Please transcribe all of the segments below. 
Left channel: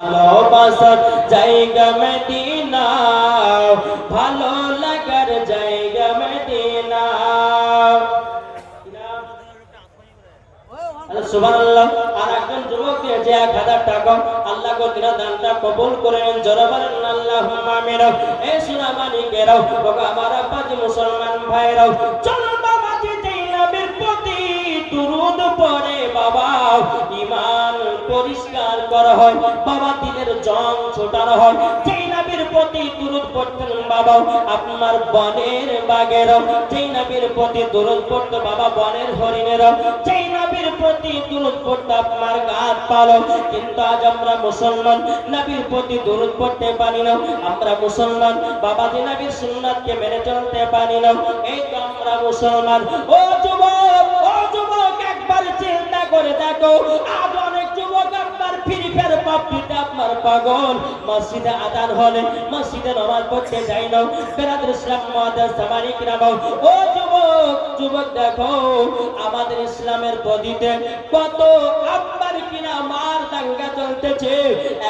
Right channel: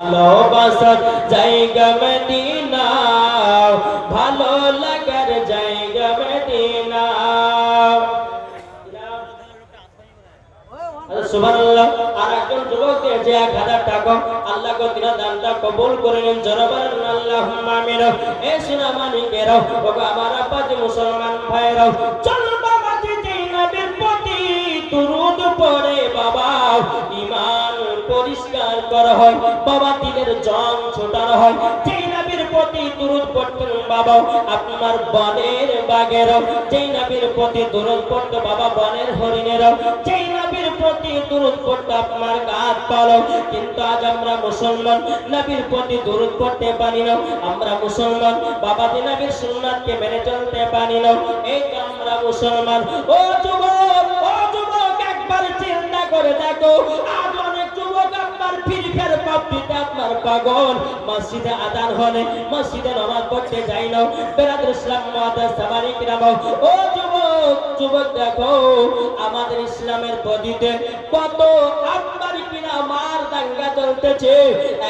ভালোবাসার জায়গা মদিনা ভালো লাগার জায়গা মদিনা আর একজন যুবককে যে এক হাজার টাকা। আল্লাহ কো দিনা দানটা কবুল করে নেন। বলেন আল্লাহুম্মা আমিন। এই সিনামানিকেরাও ওগো আমার আব্বাজি মুসলমান ভাইরাও। চলো পরিষ্কার করা হয়, বাবা দিলের জং ছোটানো হয়। যেই নবীর প্রতি দুরুদ পড়তেন বাবা, আপনার বনের বাগেরও যেই নবীর প্রতি দুরুদ পড়তো, বাবা, বনের হরিণেরও যেই নবীর প্রতি দুরুদ পড়তো, আপনার গাছ পালো। কিন্তু আজ আমরা মুসলমান, নবীর প্রতি দুরুদ পড়তে পারি না। আমরা মুসলমান, বাবা যে নবীর সুন্নাতকে মেনে চলতে পারি না। এই তো আমরা মুসলমান। ও যুবক ও যুবক, একবার চিন্তা করে দেখো, আজ পাগল। মসজিদে আদান হলে মসজিদে নামাজ পড়তে যাই না। বেরাদুল ইসলাম সামারিক রামাও ও যুবক যুবক দেখো, আমাদের ইসলামের কত কিনা মার দাঙ্গা চলতেছে।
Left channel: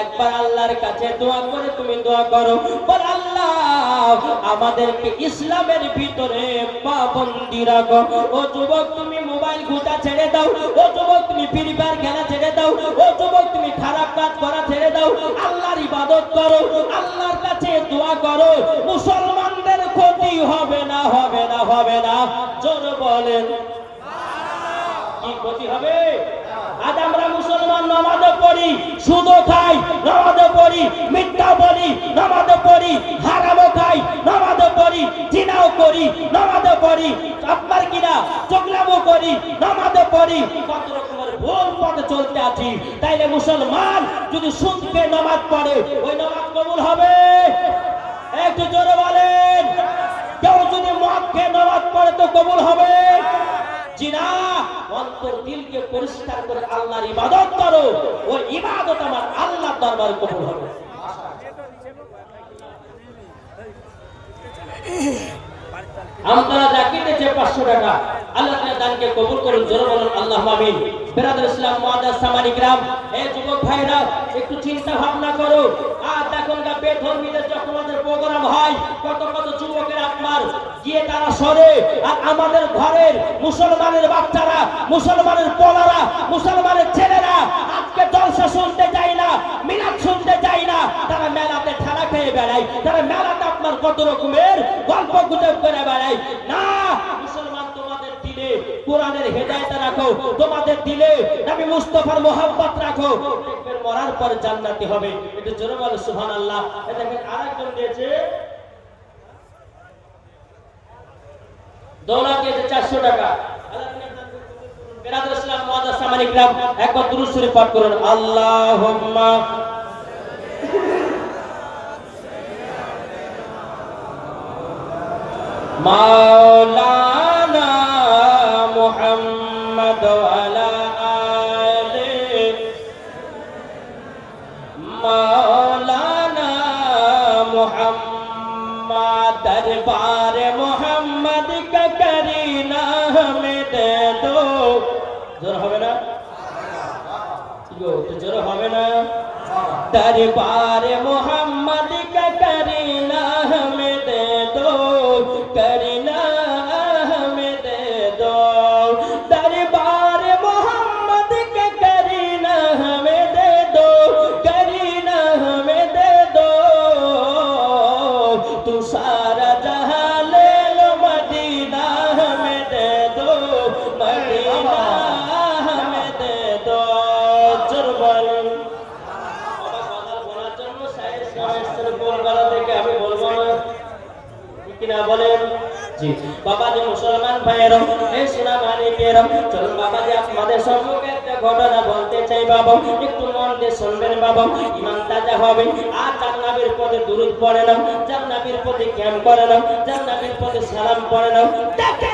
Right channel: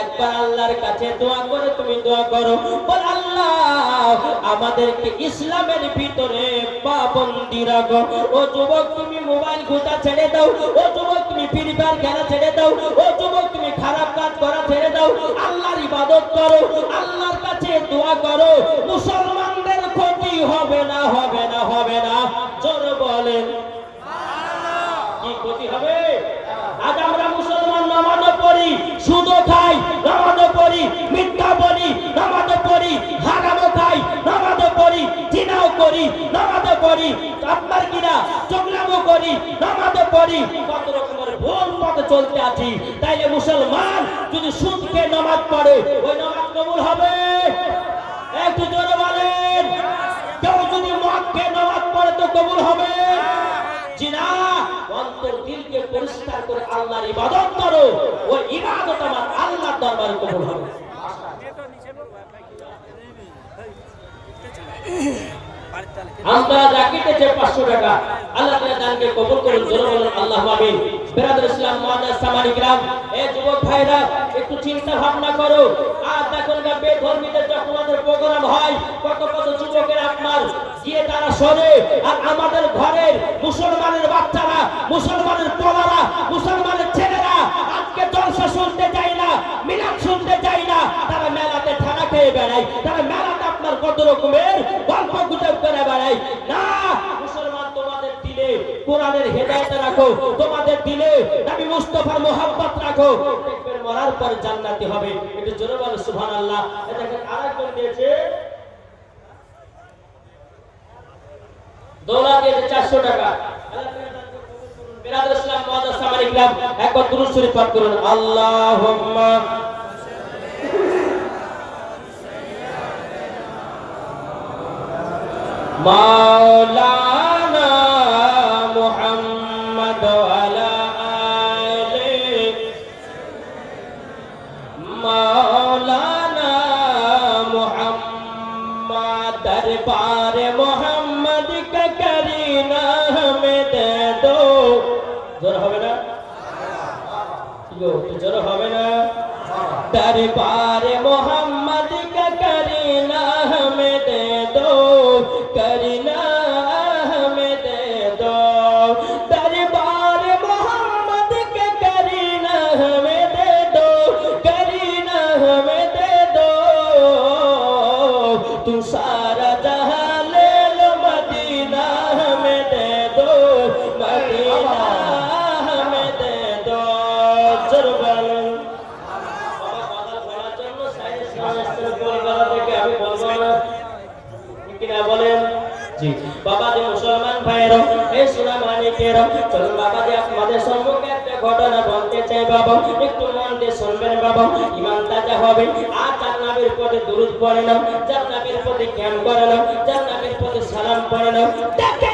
একবার আল্লাহর কাছে দোয়া করে তুমি দোয়া করো। বল আল্লাহ, আমাদেরকে ইসলামের ভিতরে পাবন্দি রাখো। ও যুবক, তুমি মোবাইল ঘুটা ছেড়ে দাও। ও যুবক, তুমি ফ্রি ফায়ার খেলা ছেড়ে দাও। ও যুবক আল্লাহর ইবাদত করো, আল্লাহর কাছে দোয়া করো, মুসলমানদের ক্ষতি হবে না হবে না হবে না। জোর বলেন। কি ক্ষতি হবে? আজ আমরা মুসলমান নামাজও পড়ি, সুদও খাই, নামাজও পড়ি, মিথ্যা বলি, নামাজও পড়ি, হারামও খাই, নামাজও পড়ি, জিনাও করি, নামাজও পড়ি, আপনার কিনা চোখলামও করি, নামাজও পড়ি কত রকমের ভুল পথে চলতে আছি। তাইলে মুসলমান যদি সুদকে নামাজ পড়ে, ওই নামাজ কবুল হবে? একটু জোরে বলেন। কেউ যদি মদ খেয়ে নামাজ পড়ে, তো কবুল হবে? জিনা অন্তর দিলকে পরিষ্কার করে আল্লাহর ইবাদত করো। ওই ইবাদত আমার আল্লাহর কবুল হবে। আমরা যা কিনেছে পাঁচশো টাকা। আল্লাহ তাআলা দানকে কবুল করুন, জোরে বলুন, আল্লাহ আমিন। বেরাদুল ইসলাম, মাদার গ্রাম এই যুবক ভাইরা, একটু চিন্তা ভাবনা করো। আর গা, বেধর্মীদের যখন আমাদের প্রোগ্রাম হয়, কত কত যুবকের আপনার গিয়ে তারা সরে। আর আমাদের ঘরের মুসলমানের বাচ্চারা, মুসলমানের পলারা, মুসলমানের ছেলেরা, আজকে জলসা শুনতে চাই না, মিলাদ শুনতে চাই না। তারা মেলাতে ঠেলা পেয়ে বেড়ায়, তারা মেলাতে আপনার কত রকমের গল্প গুজব করে বেড়ায়। না কোরআনের হেদায়েত রাখো, তোমাদের দিলে নবী মুস্তাফার মোহাব্বত রাখো। দেখবেন মরার পর জান্নাতি হবে। একটু জোরে বলো, সুবহানাল্লাহ। দেখেন আরেকজন দিয়েছে, দৌলা দিয়েছে চারশো টাকা। বেরাদুল মাওলানা মুহাম্মদ দরবার মুহাম্মদ কা করিনা হমে দে দো জোর হবে না কি গো তো জোর হবে না दरबार मोहम्मद বলতে চাই বাবা, একটু মন দিয়ে শুনবেন বাবা। ইমান তাজা হবে। আর জান্নাতের পথে দুরুদ পড়ে না, জান্নাতের পথে জ্ঞান করে না, জান্নাতের পথে সালাম পড়ে না। দেখেন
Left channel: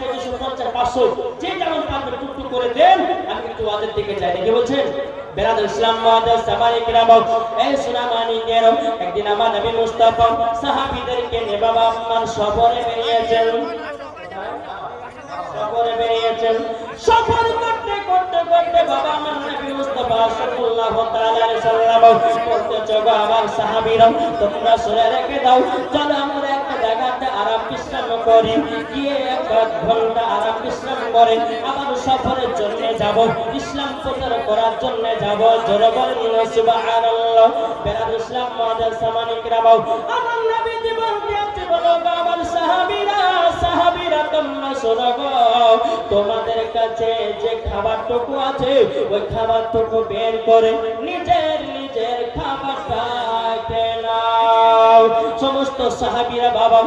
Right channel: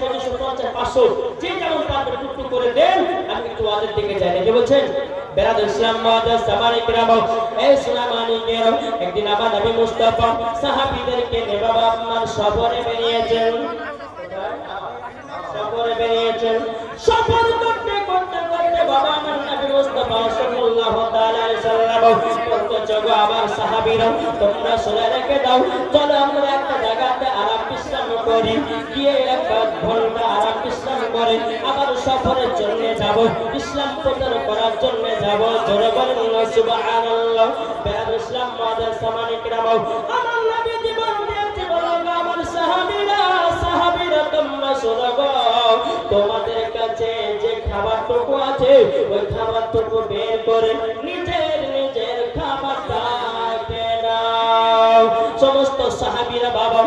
পারবেন পঞ্চাশ, পাঁচশো, যে যেমন পারবেন টুকটুক করে দেন, আমি একটু ওয়াজের দিকে যাই। নাকি বলছেন বেরাদ ইসলাম মাদার সামানি কিরাম এই সুলামানি কেরাম একদিন আমার নবী মুস্তাফা সাহাবীদেরকে নিয়ে আপনার সফরে বেরিয়েছেন। সফরে বেরিয়েছেন। সফর করতে করতে করতে বাবা আমার নবী মুস্তাফা সাল্লাল্লাহু তাআলা আলাইহি সাল্লাম বলতে চলো আমার সাহাবীরা তোমরা শুনে রেখে দাও। চলো আমরা করি, গিয়ে এক ঘণ্টা বিশ্রাম করে, আবার সফরের জন্য যাব, ইসলাম প্রচার করার জন্য যাব, জোরে বলেন সুবহানাল্লাহ। ইসলাম মাদার সামানি কিরাম আমার নবী জীবন দিয়েছে আমার সাহাবীরা সাহাবীরা তোমরা শোনো তোমাদের কাছে যে খাবারটুকু আছে, ওই খাবারটুকু বের করে নিজের নিজের খাবারটা নাও। সমস্ত সাহাবীরা বাবা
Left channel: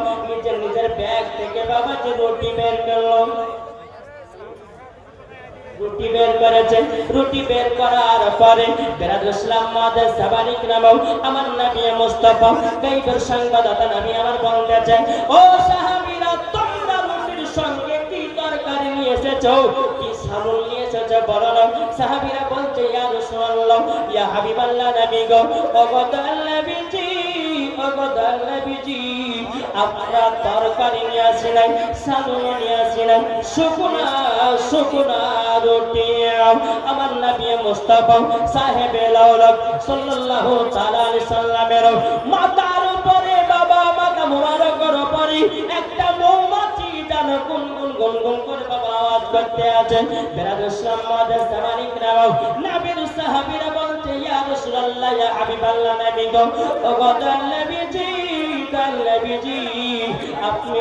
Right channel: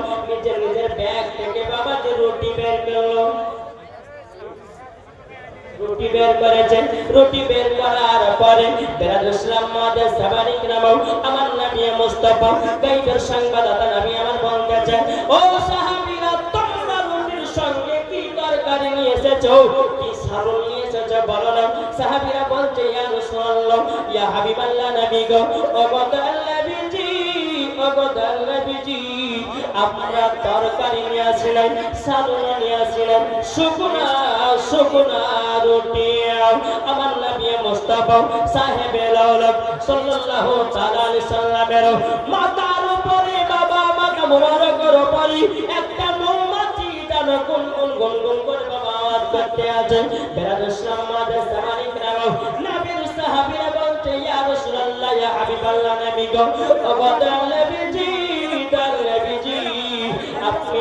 বাবা যে রুটি বের করল। রুটি বের করেছে, রুটি বের করার পরে বেরাদ ইসলাম মাদের সাবারিক নাম আমার নবী মুস্তাফা গাইবের সংবাদদাতা নবী আমার বলতেছে ও সাহাবীরা, তোমরা রুটির সঙ্গে কি তরকারি নিয়ে এসেছ? কি সারুল নিয়ে এসেছ? বলো না। সাহাবীরা বলছে, ইয়া রাসূলুল্লাহ, ইয়া হাবিবাল্লাহ নবী গো ও নবীজি বদল নবীজি আমরা তরকারি নিয়ে আসিলাম সালুন নিয়ে আসিলাম শুকনা শুকনা রুটি আমার নবী মুস্তাফা বাবা যেন গুনগুন গুনগুন করে বাবা আওয়াজ রাসূলুল্লাহ ইয়া হাবিবাল্লাহ নবী গো নবীজি নবীজি আপনি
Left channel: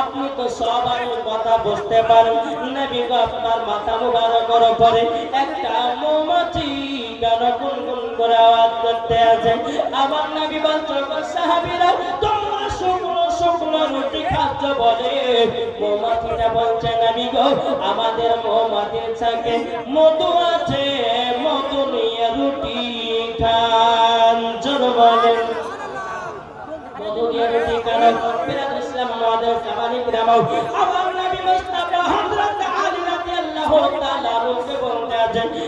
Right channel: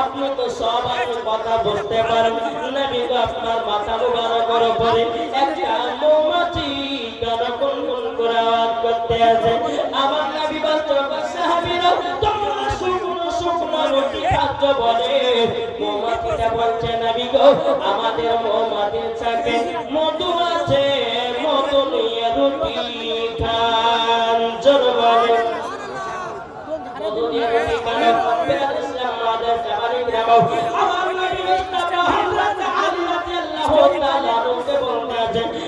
আপনি তো সবার কথা বুঝতে পারেন। নবী গো, আপনার মাথা মুবারকের উপরে একটা গান গুনগুন করে আওয়াজ করতে আছে আমার নবী সাহাবীরা, তোমরা শুকনো বলে? বলছে, নবী গো, আমাদের মৌমাছির আছে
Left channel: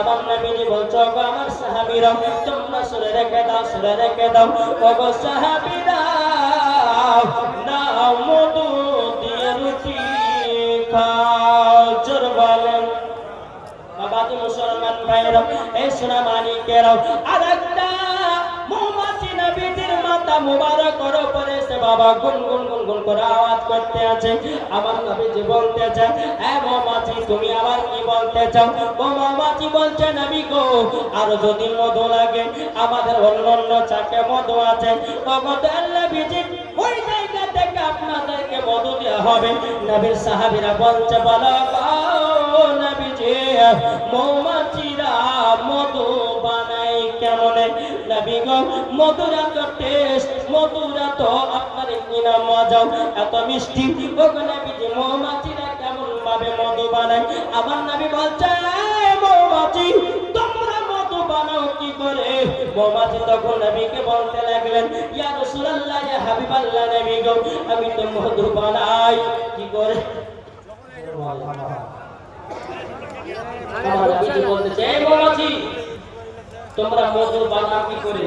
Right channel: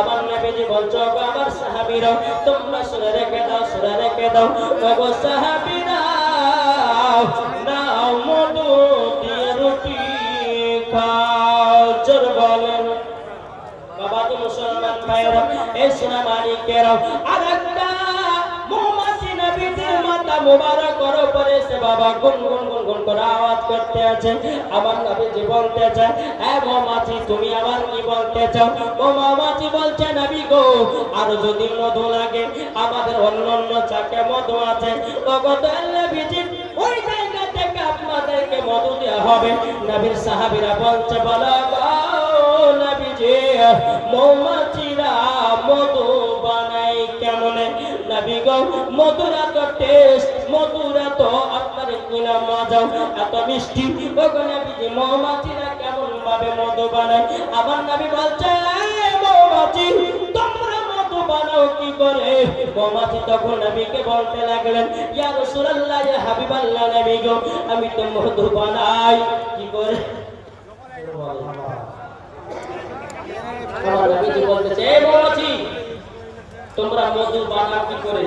আমার নবীজি বলছো, গো আমার সাহাবীরা তোমরা সুরে রেখে দাও, সুরে রেখে দাও। গো সাহাবীরা দাও মধু দিয়ে রুটি খাও, জোর বলেন। বাবা তো মুসলমান ভাইরা এই সোনা মানিকেরাও ও মৌমাছি বলছে, নবী আর যদি মধু লাগে, আমাদের অন্য অন্য চাকে মধু আছে। ভগত থেকে আপনাদেরকে মধু দেওয়া হবে। নবীর সাহাবীরা বলছে বলো মধুরা তো টেস্ট মধুরা তো আপনার কিনা মজাও এত মিষ্টি। ও গো নবীজি, মৌমাছিরা কেমন ভাবে মধু বানায়? আমার নবী বলছে মৌমাছি, তোমরা মধু বানাও কি করে? মৌমাছি তখন নবীকে বলতে লাগলেন, ইয়া রাসূলুল্লাহ, ইয়া হাবিবাল্লাহ নবী গো, আমি তো মধু বানাই কি করে? আমার নবীজি বলতেছে এই মৌমাছি, তোমরা মধু বানাও কি করে?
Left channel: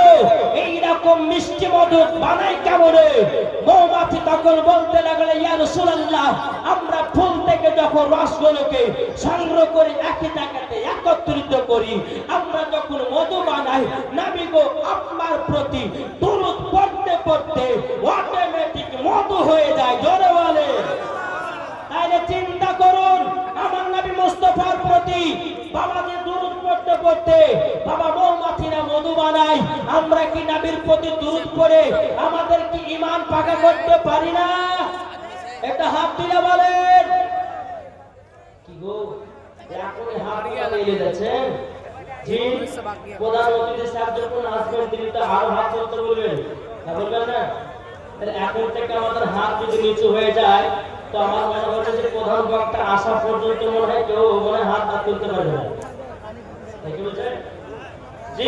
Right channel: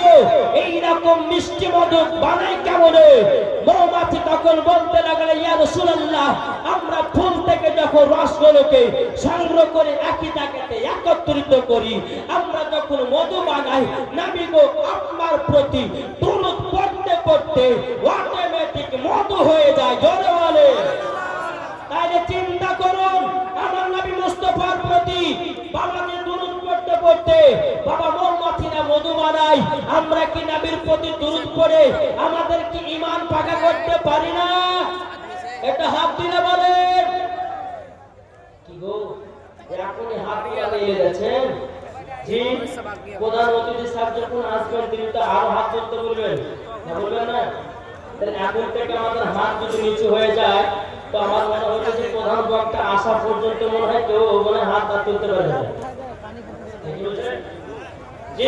এইরকম মিষ্টি মধু বানাই কেমনে? মৌমাছি তখন বলতে লাগল, ইয়া রাসূলুল্লাহ, আমরা ফুল থেকে যখন রসগুলোকে সংগ্রহ করে একই জায়গাতে একত্রিত করি, আমরা যখন মধু বানাই নবী গো আপনার প্রতি দুরূদ পড়তে পড়তে অটোমেটিক মধু হয়ে যায়, জোরে বলে। তাইলে চিন্তা করুন, আমার নবী মুস্তফার প্রতি বাবা যে দুরূদ পড়তে পড়তে বাবা মৌমাছিরা মধু বানাই আমরা কি নবীর প্রতি দুরূদ পড়ে আমাদের কি ঈমান পাকা করতে পারি না? এটা হাত দিলে বলেন। কি গো? এখনই হাত দিয়ে লেগে জি সাহেব যখন আসবেন, তিনি তো আরও হাত বলবেন। না বলবেন না? এখন থেকে আমাদের হাত যদি নিচু হয়ে যায়, তো আমার মনে হচ্ছে যে প্রধান বক্তা আসা পর্যন্ত মনে হয় কেউ মনে হাত তুলতে পারবে না? জি।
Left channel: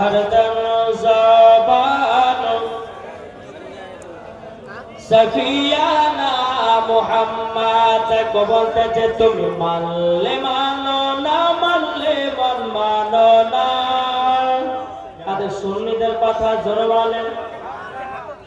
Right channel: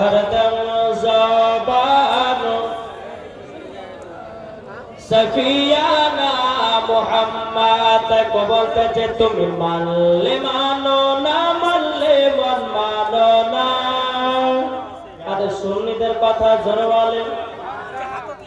হরদম জবান। সফিয়ানা মোহাম্মদ কো বলতেছে তুমি মানলে মানো না, মানলে মন মানো না। তাদের সুন্নিদের কথা জোরে বলেন।